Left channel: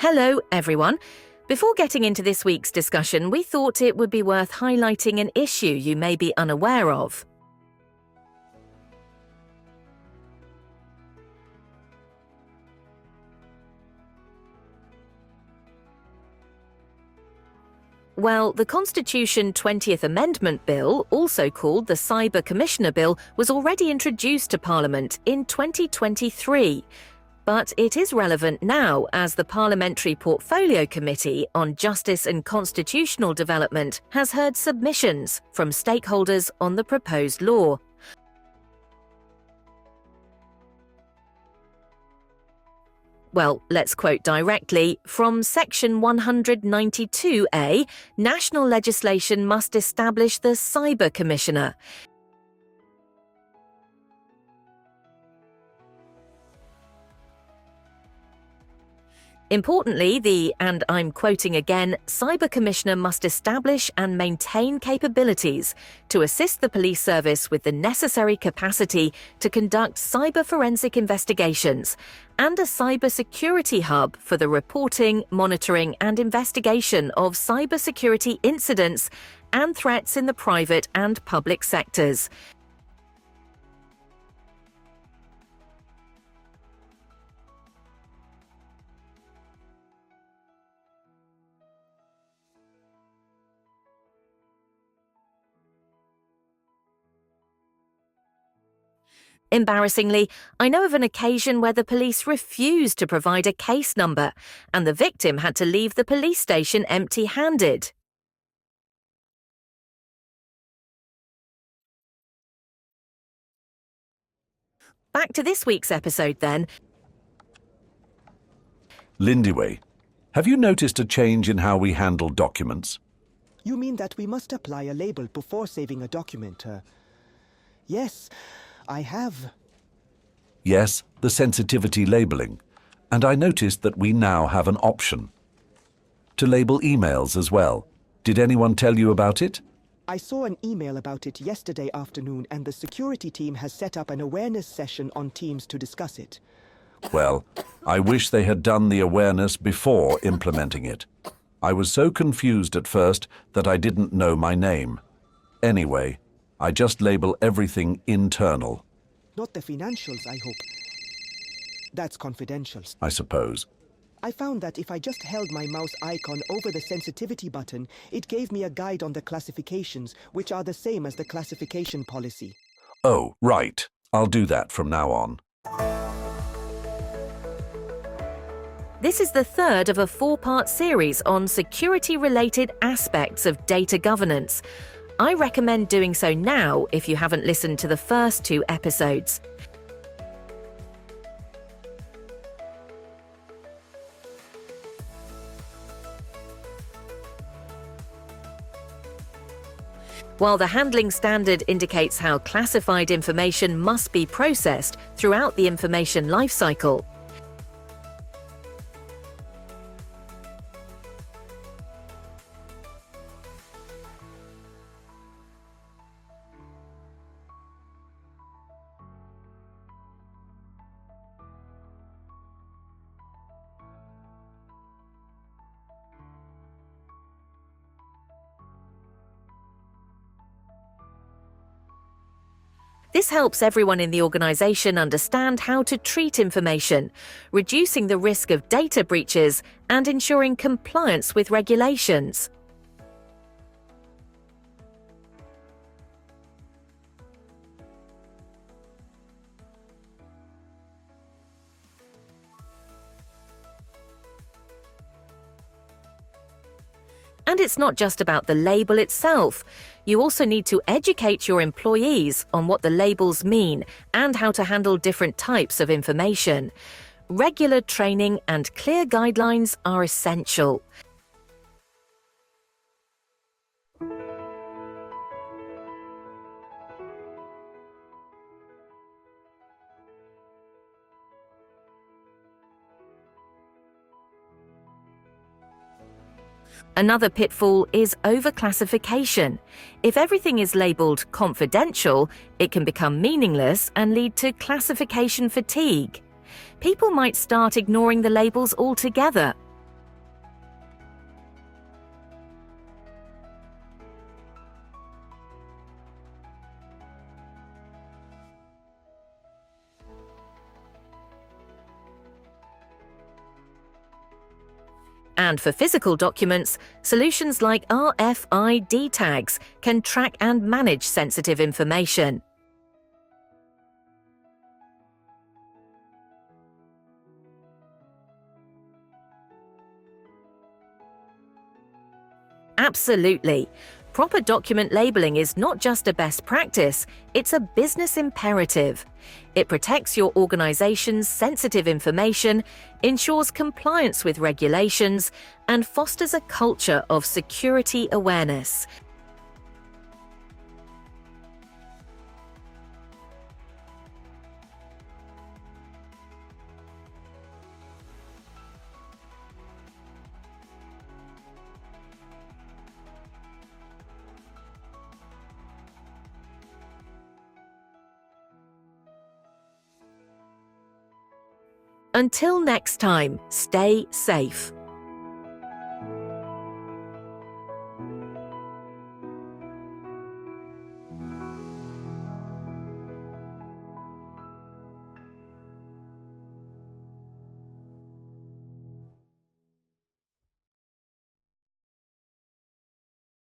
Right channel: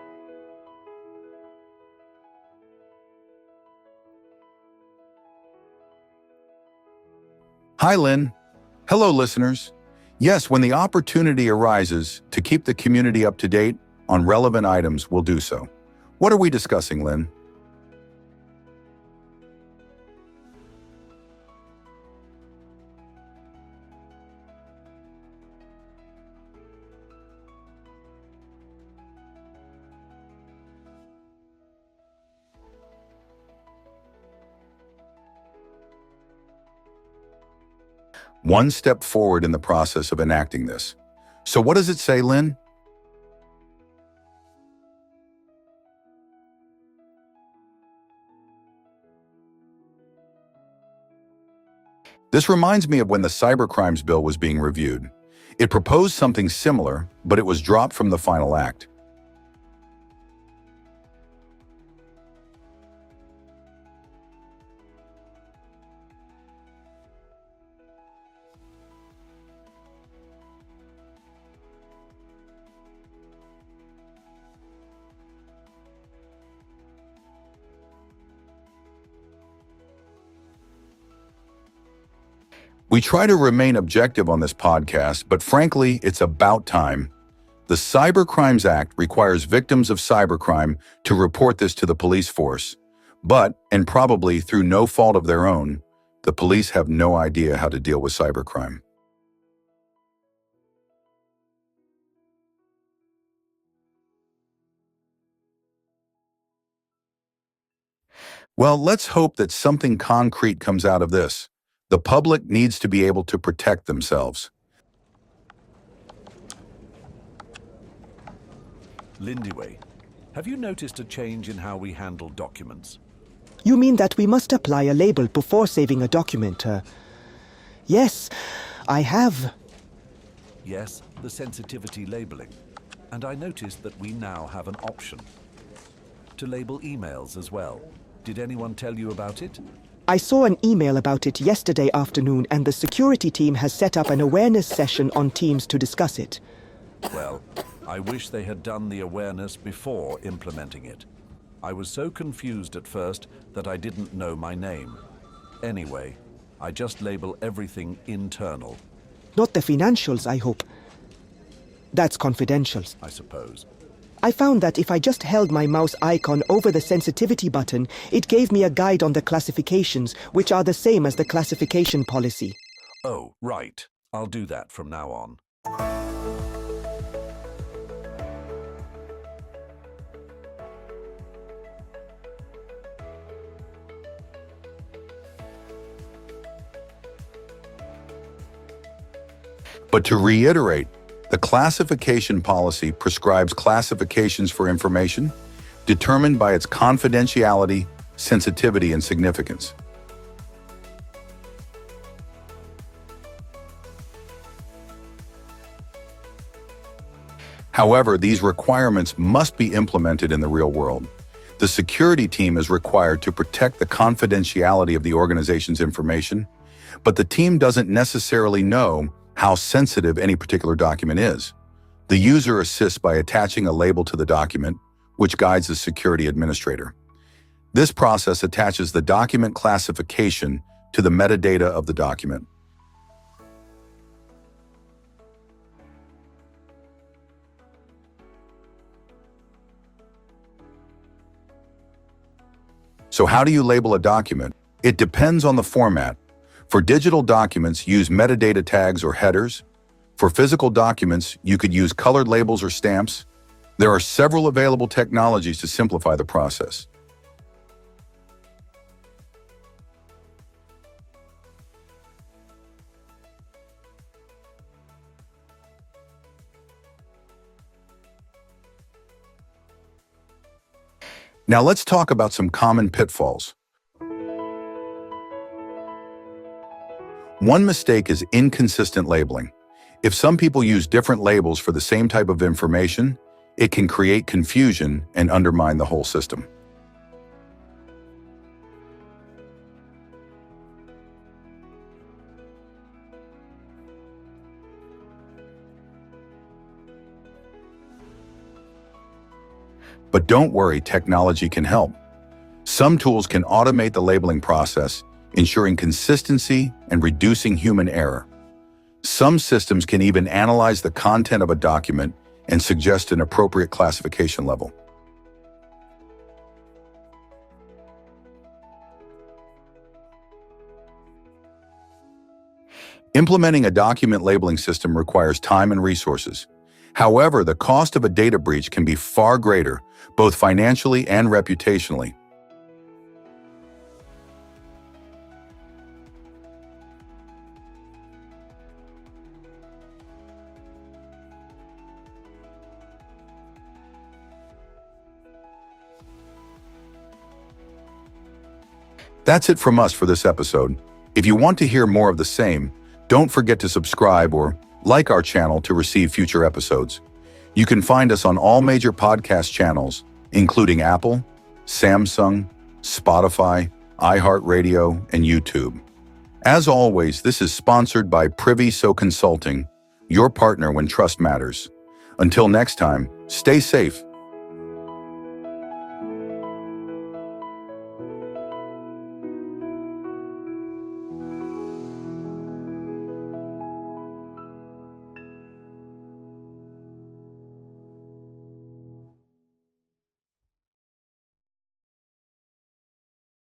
Hello, everyone. Before getting into this week's discussion, we thought it would be worth highlighting an issue you may be unaware of. Hi, Lynn. Hello, listeners. Yes, when the opportunity arises to keep the community up to date on relevant items, we'll do so. What are we discussing, Lynn? Well, the Constitution 20th Amendment Bill, also called the Cyber Commissioner Bill, was already introduced to Parliament in 2023. But it is relevant now as the Parliamentary Portfolio Committee on Justice and Constitutional Development has heard submissions from stakeholders on the proposed law. One step forward in the process of enacting this. So what does it say, Lynn? Well, let's quote directly from Section 192A, national legislation must establish the Cyber Commissioner. This reminds me of when the Cybercrimes Bill was being reviewed. It proposed something similar, but it was dropped from the final act. Importantly, and I'm quoting again, Cyber Commissioner must establish and maintain capabilities to assist the police service with the necessary capacity to conduct cyber forensic investigations and a cybersecurity hub for the reporting, monitoring and investigation of cybersecurity incidents and threats in the private and public sectors. We try to remain objective on this podcast, but frankly, it's about time. The Cybercrimes Act requires victims of cybercrime to report this to the police force. But, and probably through no fault of their own, the police have no idea how to deal with cybercrime. Embarrassingly, I know of an occasion where the police refused to provide a case number, and the victim had to leave the police station empty-handed. Well, let's hope that something concrete comes out of this. The public needs to be able to protect themselves. Back to this week's episode, then. Lindy, have you noticed a change in how we handle documents? You mean that we must apply a label before saving a document? Yes, I have. Yes, the sensitivity labeling. And I noticed that we now have an option to label emails as well. Did anyone tell you about it? I saw an email about it yesterday afternoon, and the security team has set up an awareness session on Teams to discuss it. Well, I wish they had done the awareness before implementing it. I was so confused at first that I didn't know my name. Anyway, I just label everything internal. Not the financials, I hope. That's confidential, I suppose. I found that if I just held my mouse icon over the sensitivity button, it gave me a guide on the classifications, which are the same as the classification policy. Oh, right. I'll do that from now on. This is the third of a four-part series on security-related aspects of data governance. I recommend doing so now if you haven't listened to the first two episodes. But to reiterate, the classification policy prescribes classifications for information determined by its confidentiality, sensitivity, and significance. While the handling standard indicates how classified information must be processed throughout the information lifecycle. However, these requirements must be implemented in the real world. The security team is required to protect the confidentiality of the organization's information, but the team doesn't necessarily know how sensitive any particular document is. The user assists by attaching a label to the document, which guides the security administrator. This process attaches the document classification to the metadata of the document. This helps everyone in the organization understand how to treat information, reducing the risk of data breaches and ensuring compliance with regulations. So how do you label a document? It depends on the format. For digital documents, use metadata tags or headers. For physical documents, you could use colored labels or stamps. There are several available technologies to simplify the process. And it's not just about the label itself. You also need to educate your employees on what the labels mean and how to handle different types of information. Regular training and clear guidelines are essential. Now let's talk about some common pitfalls. One mistake is inconsistent labeling. If some people use different labels for the same type of information, it can create confusion and undermine the whole system. Another pitfall is overclassification. If everything is labeled confidential, it can become meaningless and lead to classification fatigue. People might start ignoring the labels altogether. But don't worry, technology can help. Some tools can automate the labeling process, ensuring consistency and reducing human error. Some systems can even analyze the content of a document and suggest an appropriate classification level. And for physical documents, solutions like RFID tags can track and manage sensitive information. Implementing a document labeling system requires time and resources. However, the cost of a data breach can be far greater, both financially and reputationally. Absolutely. Proper document labeling is not just a best practice, it's a business imperative. It protects your organization's sensitive information, ensures compliance with regulations, and fosters a culture of security awareness. That's it from us for this episode. If you want to hear more of the same, don't forget to subscribe or like our channel to receive future episodes. You can find us on all major podcast channels, including Apple, Samsung, Spotify, iHeartRadio, and YouTube. As always, this is sponsored by Priviso Consulting, your partner when trust matters. Until next time, stay safe. Stay safe.